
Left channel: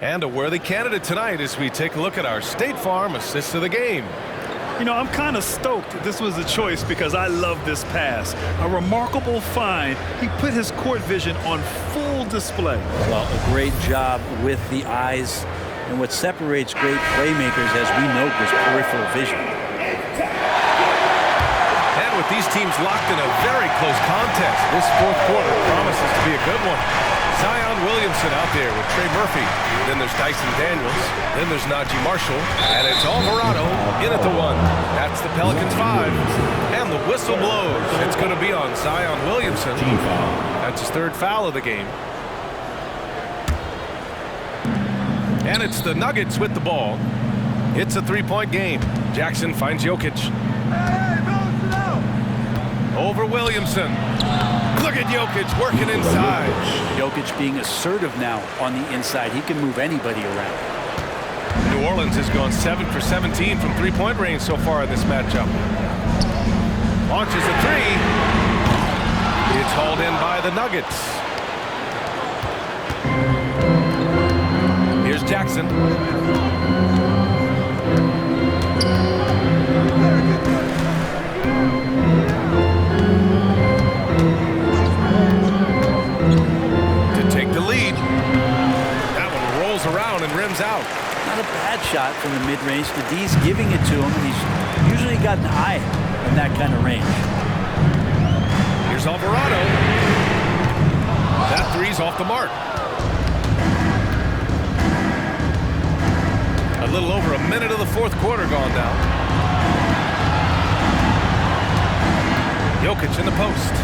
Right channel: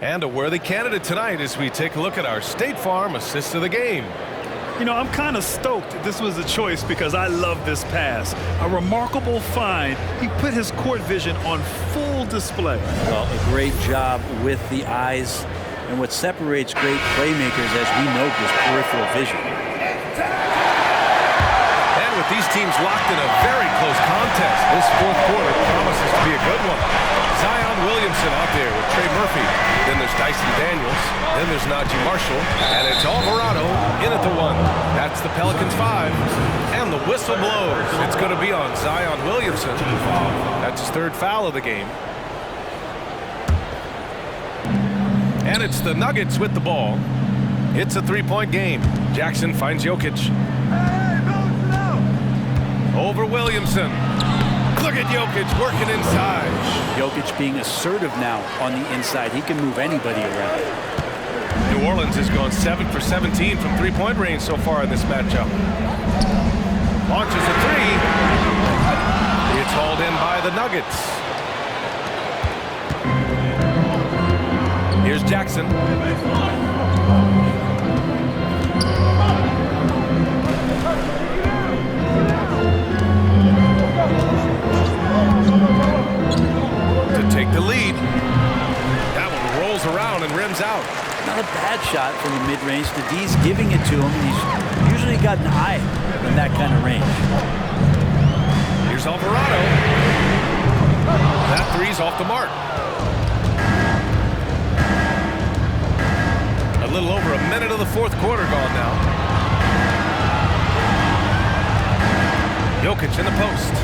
And a worthy candidate tonight as we take a look at our State Farm assist of the game. You know, I'm kind of stoked this was a choice because I love this pass. A remarkable find. He put his court vision on full display. Well, a great job with the eyes. And what separates great playmakers, as we note, is peripheral vision. And with these teams locked in a very close contest, this fourth quarter promises to be a good one. Zion Williamson out there with Trey Murphy. Then there's Dyson Daniels. Then there's Najee Marshall. And it's Alvarado in at the 1. That's the Pelicans 5. And the whistle blows. It's going to be on Zion Williamson. That's his 3rd foul of the game. And it's the Nuggets with the ball. It's a 3-point game. Jackson finds Jokic. Over Williamson. Look at Jokic working inside. Jokic being assertive now on the inside. He can move anybody around. New Orleans has gone 7 for 17 from 3-point range so far in this matchup. Launches a 3. It's hauled in by the Nuggets. Here's Jackson. Take the lead. That one rolls around and rims out. Not a bad shot from the mid-range. The D's giving it to him, and he's usually got an eye in that kind of range. Here's Alvarado. That 3's off the mark. A little over a minute of the fourth quarter gone now. Jokic in the post.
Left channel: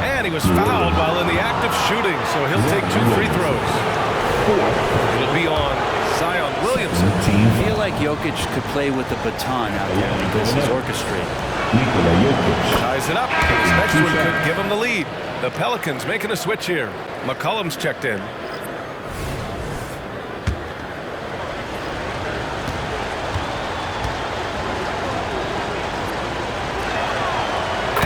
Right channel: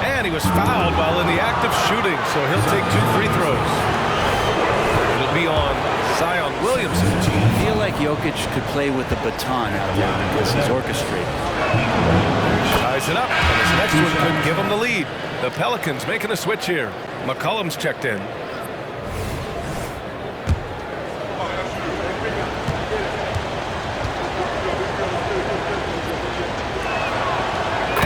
And he was fouled while in the act of shooting, so he'll take 2 free throws. It'll be on Zion Williamson. I feel like Jokic could play with the baton out there because he's orchestrating. Ties it up, and his next one could give him the lead. The Pelicans making a switch here. McCollum's checked in.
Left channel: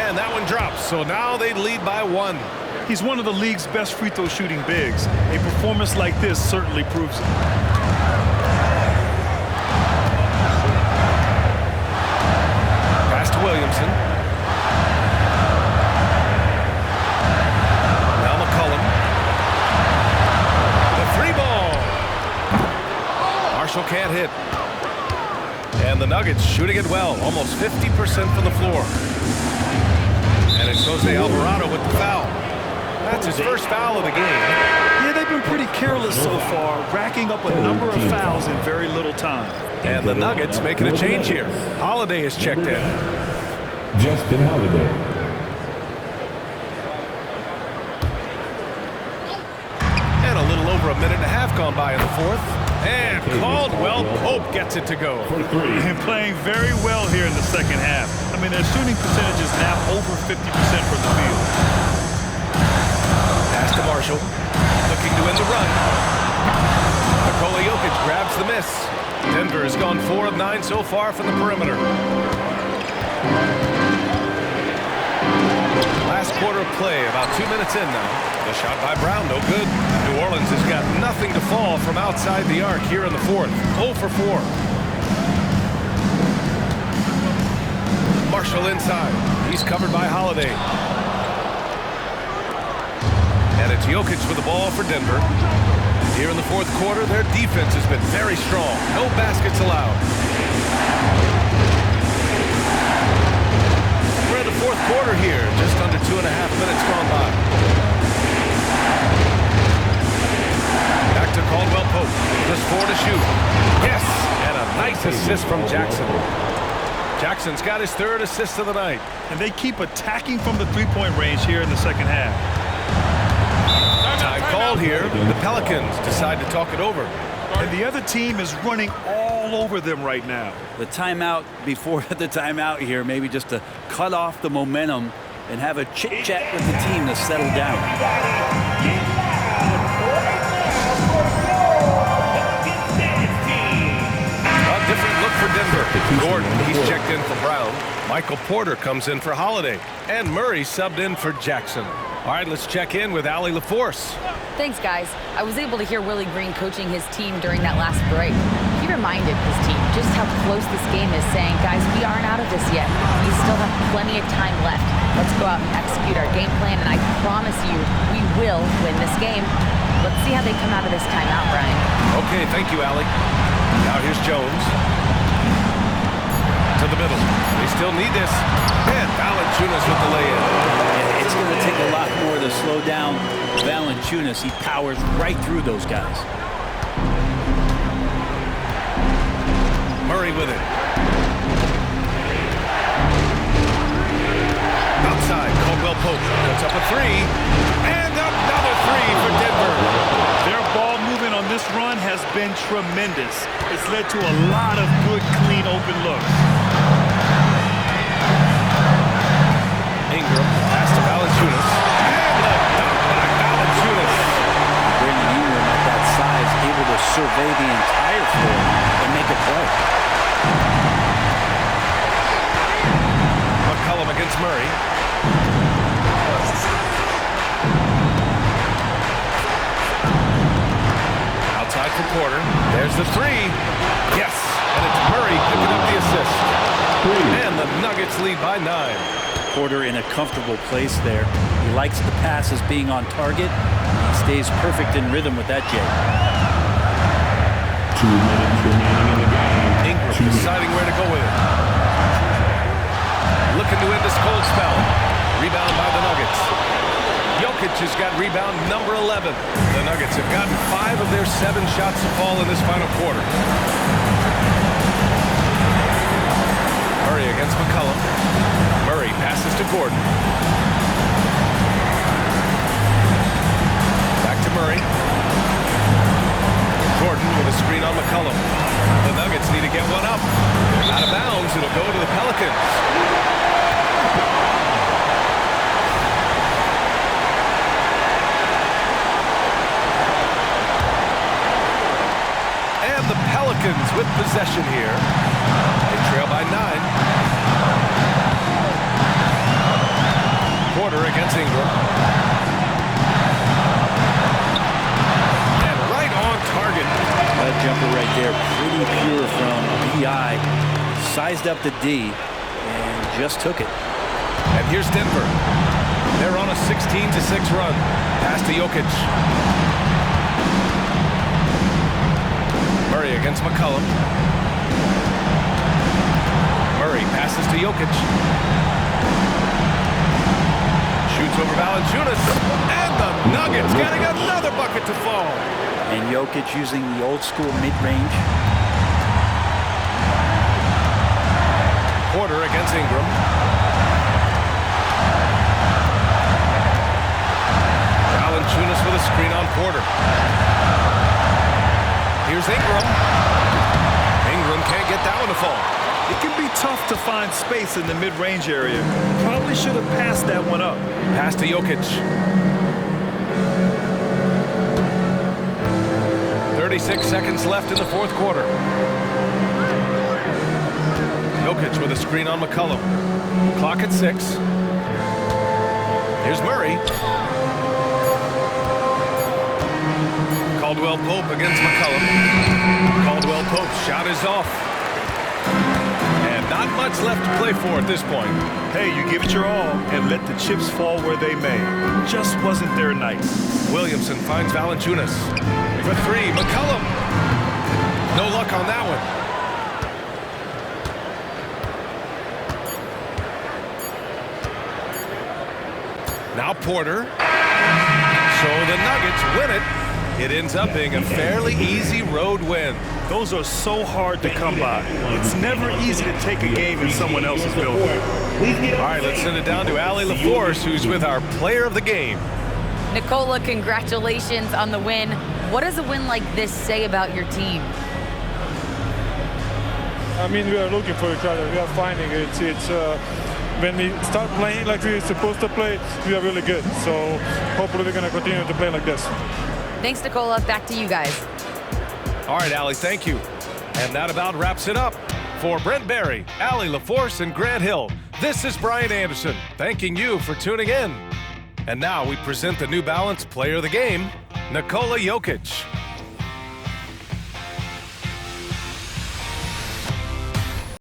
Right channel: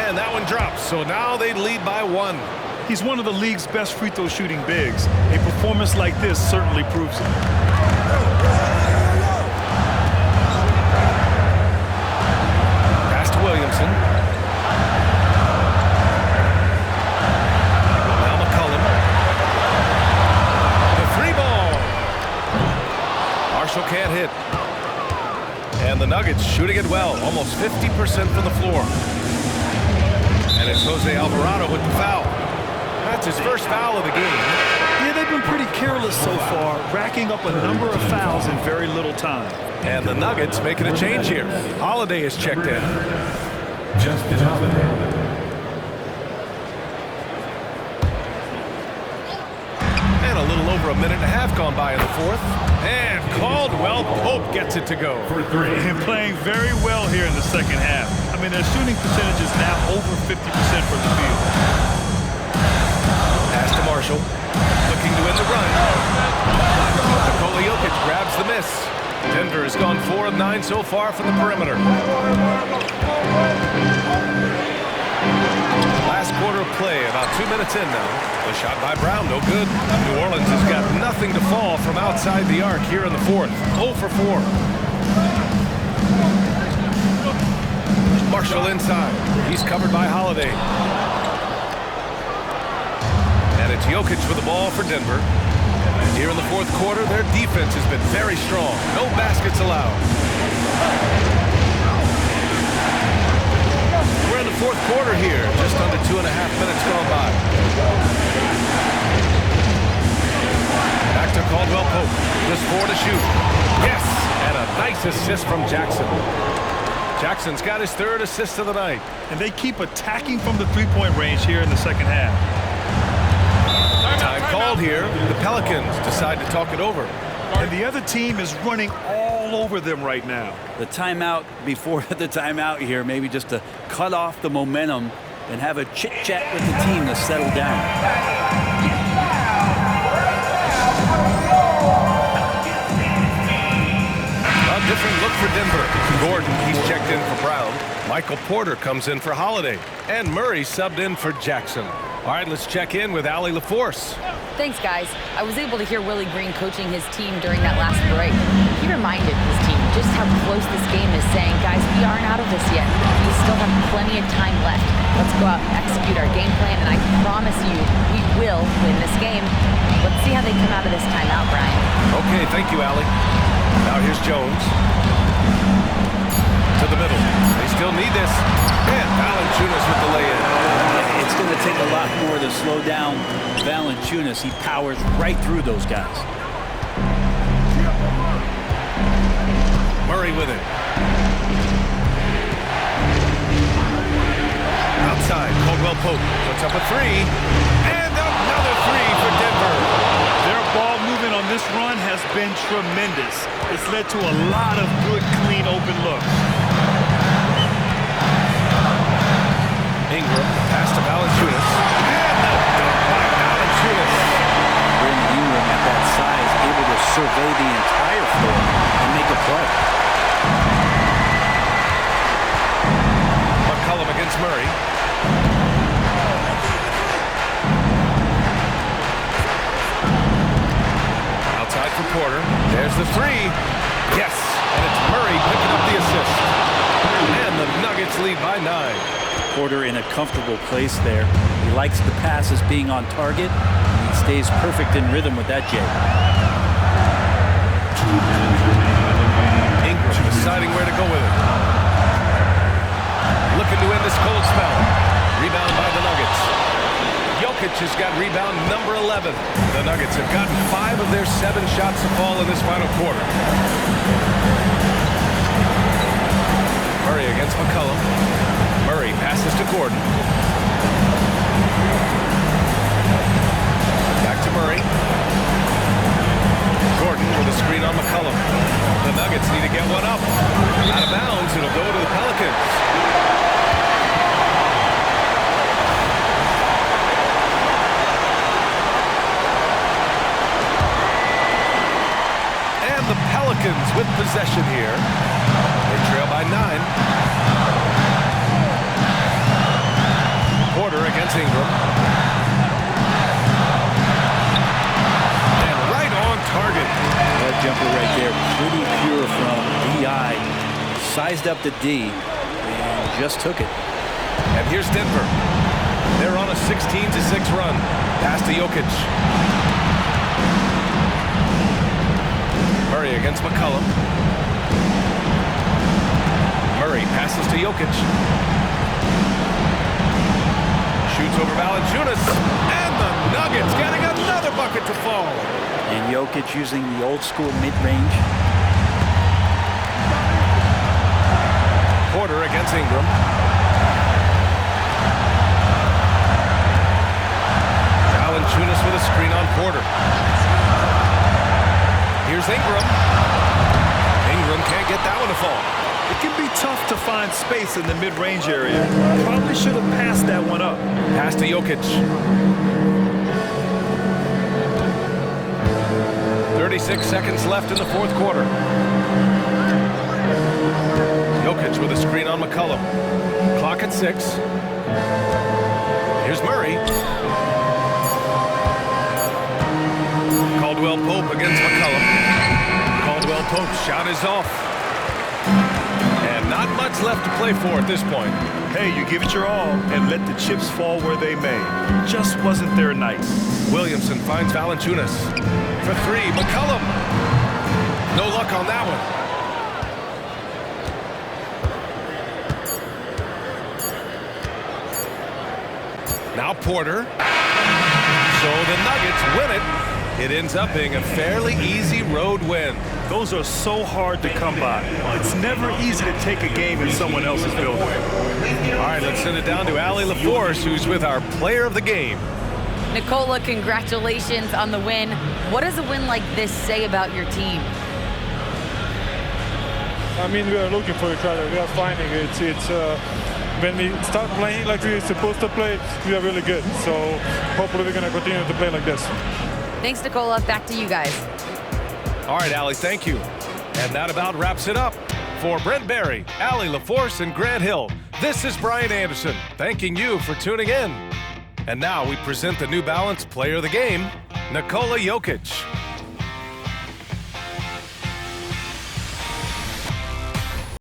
And that one drops, so now they lead by 1. He's one of the league's best free throw shooting bigs. A performance like this certainly proves it. Marshall can't hit. And the Nuggets shooting it well, almost 50% from the floor. And it's Jose Alvarado with the foul. That's his first foul of the game. Yeah, they've been pretty careless so far, racking up a number of fouls in very little time. And the Nuggets making a change here. Holiday is checked in. Justin Holiday. And a little over a minute and a half gone by in the fourth. And Caldwell Pope gets it to go. For three. And playing very well here in the second half. I mean, their shooting percentage is now over 50% from the field. Pass to Marshall. Looking to win the run. Nikola Jokic grabs the miss. Denver has gone 4 of 9 so far from the perimeter. Last quarter of play, about 2 minutes in now. The shot by Brown, no good. New Orleans has got nothing to fall from outside the arc here in the fourth. 0 for 4. Marshall inside. He's covered by Holiday. And it's Jokic with the ball for Denver. And here in the fourth quarter, their defense has been very strong. No baskets allowed. We're in the fourth quarter here. Just under 2.5 minutes gone by. Back to Caldwell Pope. Just 4 to shoot. Yes! And a nice assist from Jackson. Jackson's got his 3rd assist of the night. And they keep attacking from the three-point range here in the second half. Time called here. The Pelicans decide to talk it over. And the other team is running all over them right now. The timeout before the timeout here, maybe just to cut off the momentum and have a chit-chat with the team to settle down. A different look for Denver. Gordon, he's checked in for Brown. Michael Porter comes in for Holiday. And Murray subbed in for Jackson. All right, let's check in with Allie LaForce. Thanks, guys. I was able to hear Willie Green coaching his team during that last break. He reminded his team just how close this game is, saying, guys, we aren't out of this yet. We still have plenty of time left. Let's go out and execute our game plan, and I promise you, we will win this game. Let's see how they come out of this timeout, Brian. Okay, thank you, Allie. Now here's Jones. To the middle. They still need this. And Valanciunas with the lay-in. It's going to take a lot more to slow down Valanciunas. He powers right through those guys. Murray with it. Outside, Caldwell Pope puts up a 3. And another 3 for Denver. Their ball movement on this run has been tremendous. It's led to a lot of good, clean, open looks. Ingram, pass to Valanciunas. And the dunk by Valanciunas. Brandon Ingram at that size, able to survey the entire floor and make a play. McCollum against Murray. Outside for Porter. There's the 3. Yes, and it's Murray picking up the assist. And the Nuggets lead by 9. Porter in a comfortable place there. He likes the passes being on target. And he stays perfect in rhythm with that, Jay. 2 minutes remaining in the game. Ingram deciding where to go with it. Looking to end this cold spell. Rebound by the Nuggets. Jokic has got rebound number 11. The Nuggets have gotten 5 of their 7 shots to fall in this final quarter. Murray against McCollum. Murray passes to Gordon. Back to Murray. Gordon with a screen on McCollum. The Nuggets need to get one up. Out of bounds, it'll go to the Pelicans. And the Pelicans with possession here. They trail by 9. Porter against Ingram. And right on target. That jumper right there, pretty pure from B.I. Sized up the D and just took it. And here's Denver. They're on a 16-6 run. Pass to Jokic. Murray against McCollum. Murray passes to Jokic. Shoots over Valanciunas. And the Nuggets getting another bucket to fall. And Jokic using the old school mid-range. Porter against Ingram. Valanciunas with a screen on Porter. Here's Ingram. Ingram can't get that one to fall. It can be tough to find space in the mid-range area. Probably should have passed that one up. Pass to Jokic. 36 seconds left in the fourth quarter. Jokic with a screen on McCollum. Clock at 6. Here's Murray. Caldwell Pope against McCollum. Caldwell Pope's shot is off. And not much left to play for at this point. Hey, you give it your all and let the chips fall where they may. Just wasn't their night. Williamson finds Valanciunas. For 3, McCollum. No luck on that one. Now Porter. So the Nuggets win it. It ends up being a fairly easy road win. Those are so hard to come by. It's never easy to take a game in someone else's building. All right, let's send it down to Allie LaForce, who's with our player of the game. Nicola, congratulations on the win. What does a win like this say about your team? I mean, we are looking for each other. We are finding it. When we start playing like we're supposed to play, we are really good. So hopefully we're going to continue to play like this. Thanks, Nicola. Back to you guys. All right, Allie, thank you. And that about wraps it up. For Brent Barry, Allie LaForce, and Grant Hill, this is Brian Anderson, thanking you for tuning in. And now we present the New Balance Player of the Game, Nikola Jokic.